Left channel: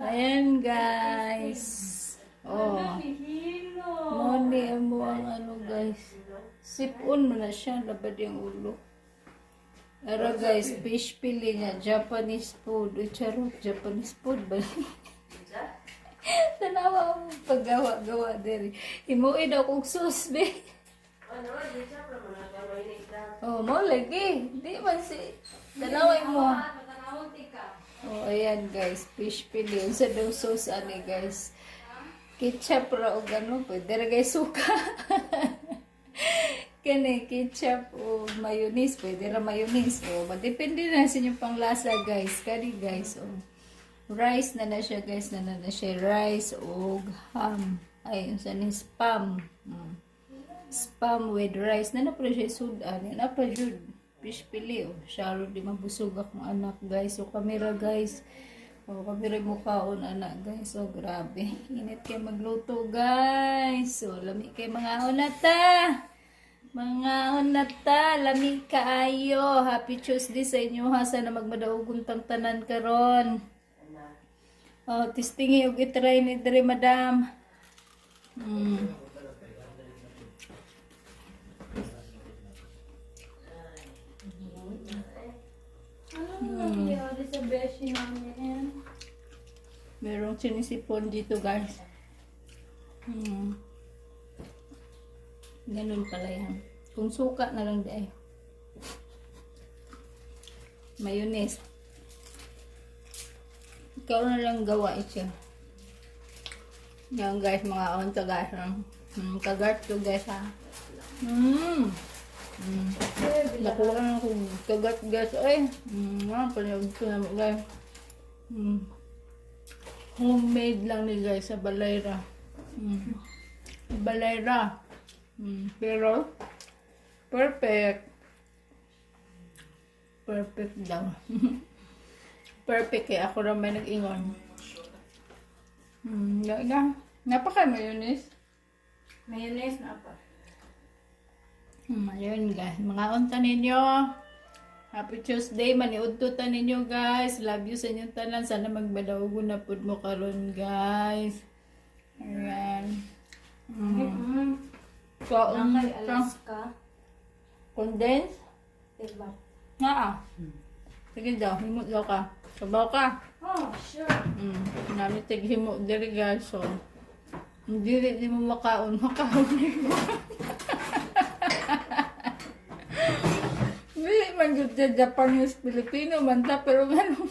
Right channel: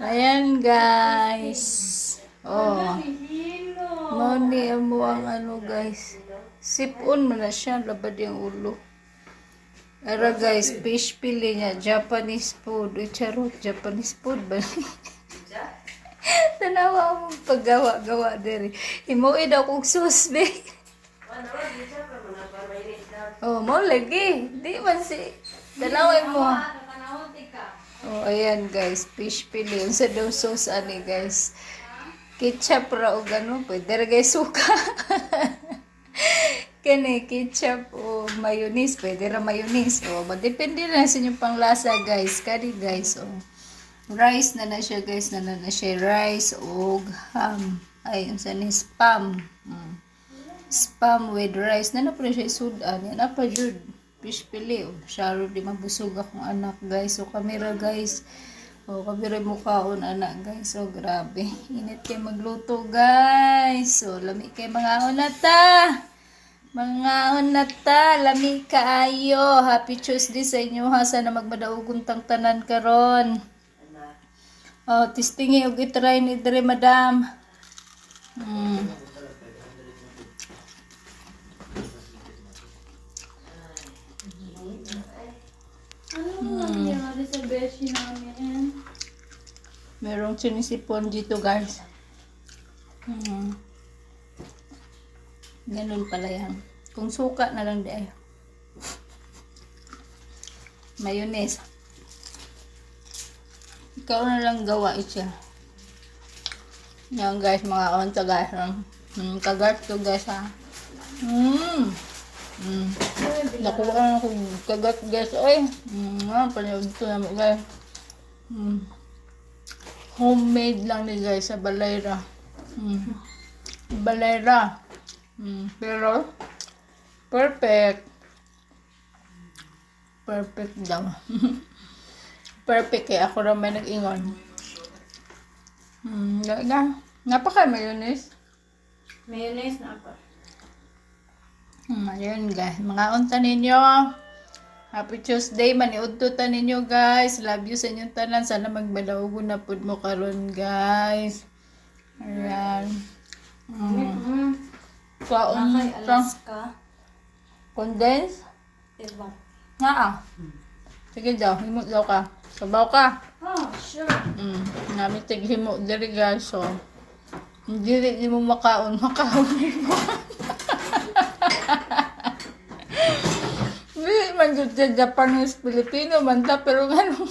Ayan guys. Oh. Moni mo ang ano guys. Sipon mo na siya. Labad yung ulo. Ara guys. Fish pili niya. Japanese food. Charot. Japanese food ba? Tanawa mo paggawa-gawa diri. Himuin ako kong sauce be. Oh, mo lagi. Di man si. Tanawin mo. Oh, ayan guys, fish pili. Yun sa daw sauce ani guys. Ketchup ra o gano'n. Pwede ra guys suka. Kani ketchup o mayonnaise. Pwede ra mayonnaise. O, depende na sa inyong panglasa guys. Kani guys. O, rice na siya guys. Na siya rice o ham. Ay, yung saan spam. Spam with rice. Na pa siya sudan. Yan na pa jud. Fish pili. O, syaro di mabusog akong anak guys. O, kamera guys. O, kamera mukhaon anak guys. O, grabe. Init kay magluto guys. O, lami kay mga onata. Mga onata. Lami kaayo. Happy Tuesday sa inyo ha. Sana magmadaugon tang tanan karon. O, tistingi og itry ni dire madam. Sa beshi namin. Merong sinisipon dito guys. Ganun pala yan. Kung suka na lang di. Mayonnaise. Ikaw na lang gawa siya. Yan guys, mga onta guys. Kagat to guys ha. Nakuha na ako kagat guys. Ay, panyag ito naman guys. Homemade lang ni guys sa Balayra. Balayra. Pero perfect. Perfect daw. Perfect kaya ako rin may nag-ingon. Napaka mayonnaise. Mayonnaise na pa. Ayun guys, mga unta ninyo. Happy Tuesday, maniudtutan ninyo guys. Love you sa inyong tanan. Sana magbadaugo na pud mo karon guys. Ayan. Kaon Kay Alaska. Condense? Diba? Sige daw, himot daw ka. Sabaw ka. Oh, sure. Namin himot diri guys. So, hindi rin mo makaon mo. Hindi man yun sa Japanese, Filipino man ta, pero gano'n.